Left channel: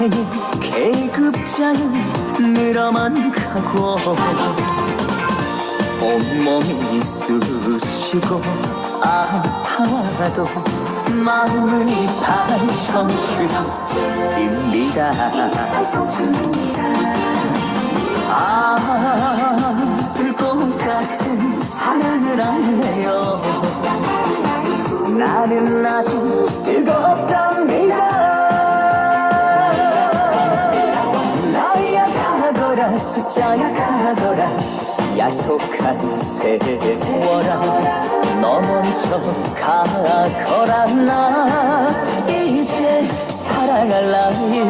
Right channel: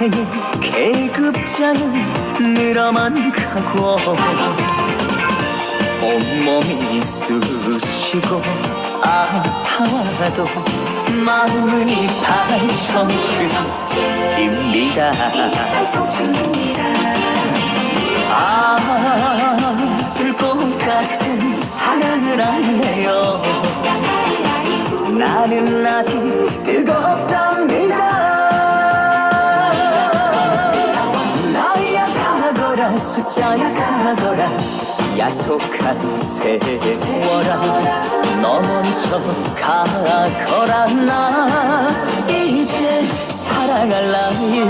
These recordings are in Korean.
인생의 계급장은 늘어만 가고 온몸이 쑤시고 아파와도 마음이 발청춘입니다. 아 불꽃 같은 사랑을 할래요. 나는 아직 뜨겁답니다 가거라 숫자야 가거라. 야속한 세월아 너 먼저 가거라. 나 이제 사랑할 나이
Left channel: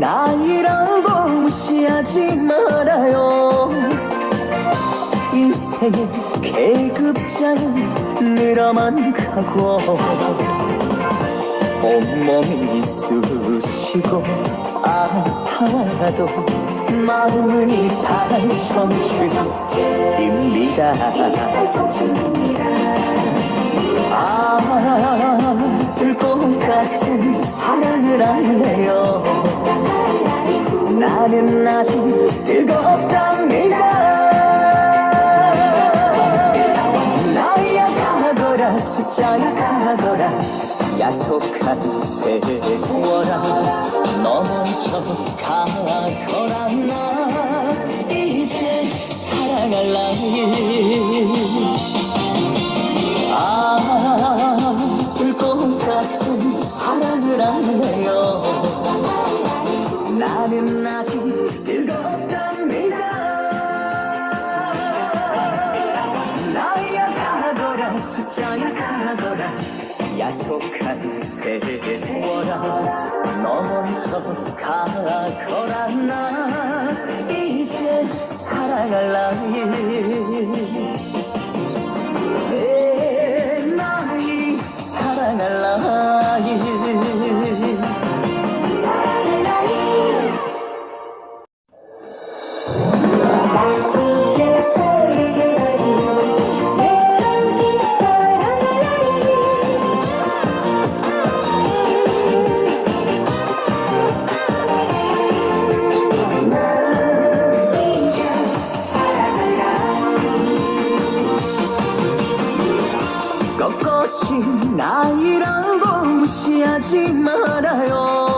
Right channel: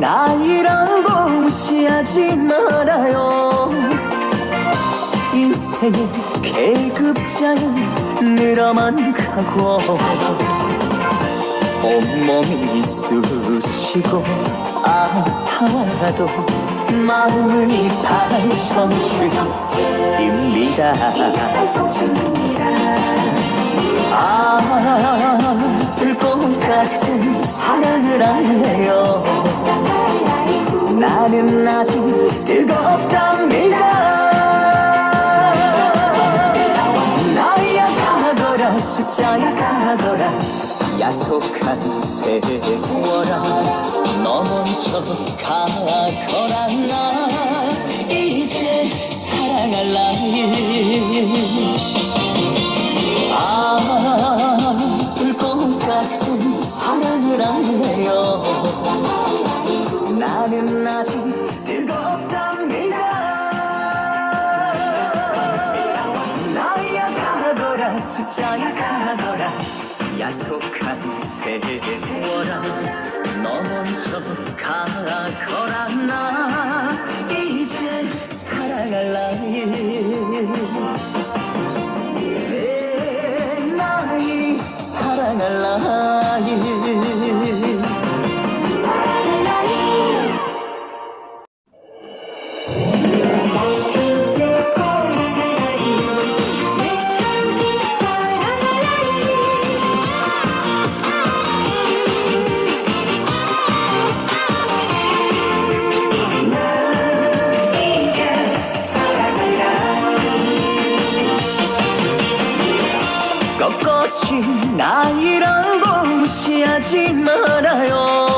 나이라고 무시하지 말아요. 인생의 계급장은 늘어만 가고 온몸이 쑤시고 아파와도 마음이 발청춘입니다. 아 불꽃 같은 사랑을 할래요. 나는 아직 뜨겁답니다. 나이야 가거라 숫자야 가거라. 야속한 세월아 너 먼저 가거라 나 이제 사랑할 나이 숫자야 가거라. 야속한 세월아 너 먼저 가거라 나. 이제 사랑할 나이 포기하지 말아요.